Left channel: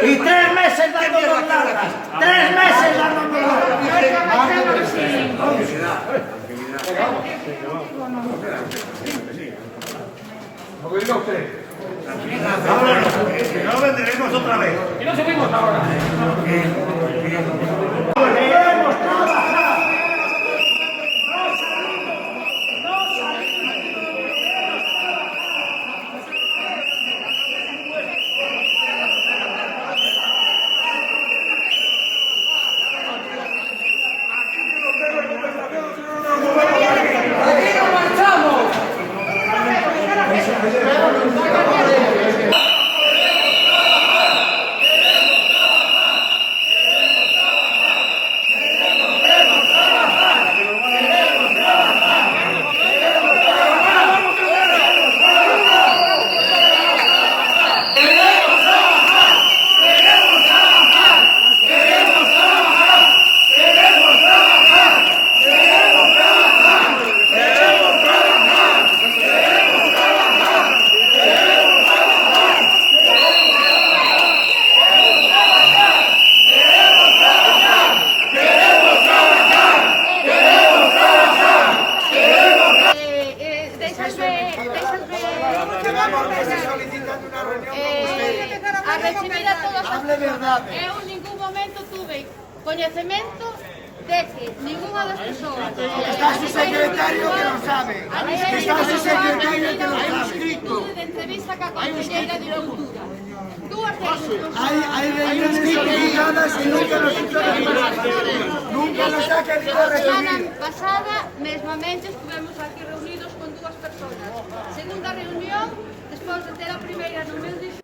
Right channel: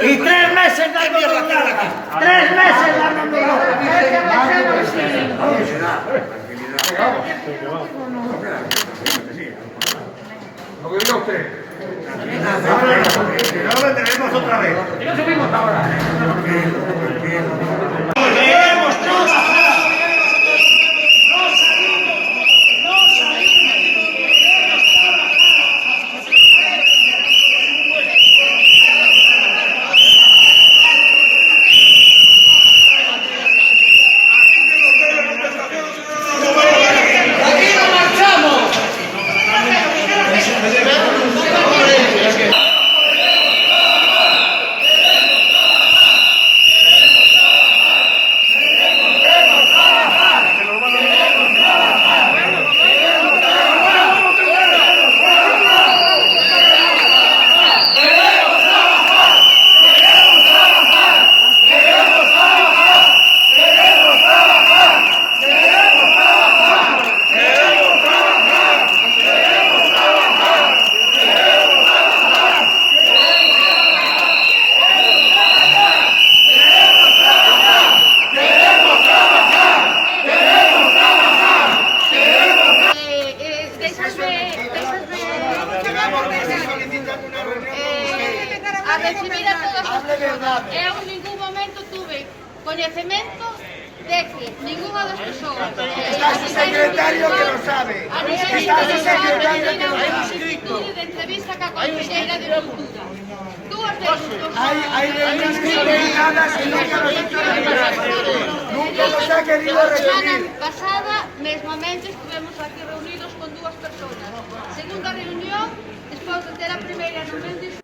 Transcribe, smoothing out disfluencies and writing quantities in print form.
Y 3 meses dándonos larga. 3 meses dándonos larga. Lo que diga usted. Que no vendremos otra vez. Y no subimos ahora. Queremos trabajar. No salimos. No salimos. Queremos ¡Aquí no marchamos! A recibir a todas as persoas. Eu en ningún momento tuve coñecemento de que ninguna das persoas Está su secretario que lo sabe. Está su secretario que lo sabe. de entrevista ca Conselleira de Cultura. Dúas veces. Hay reuniones coordinadas y nunca nos ha hecho recibir. Nunca nos ha querido recibir. Pasada, mesmamente, estuvemos aquí reunidos con dúas persoas. Segunda reunión, despois de ter a primeira non me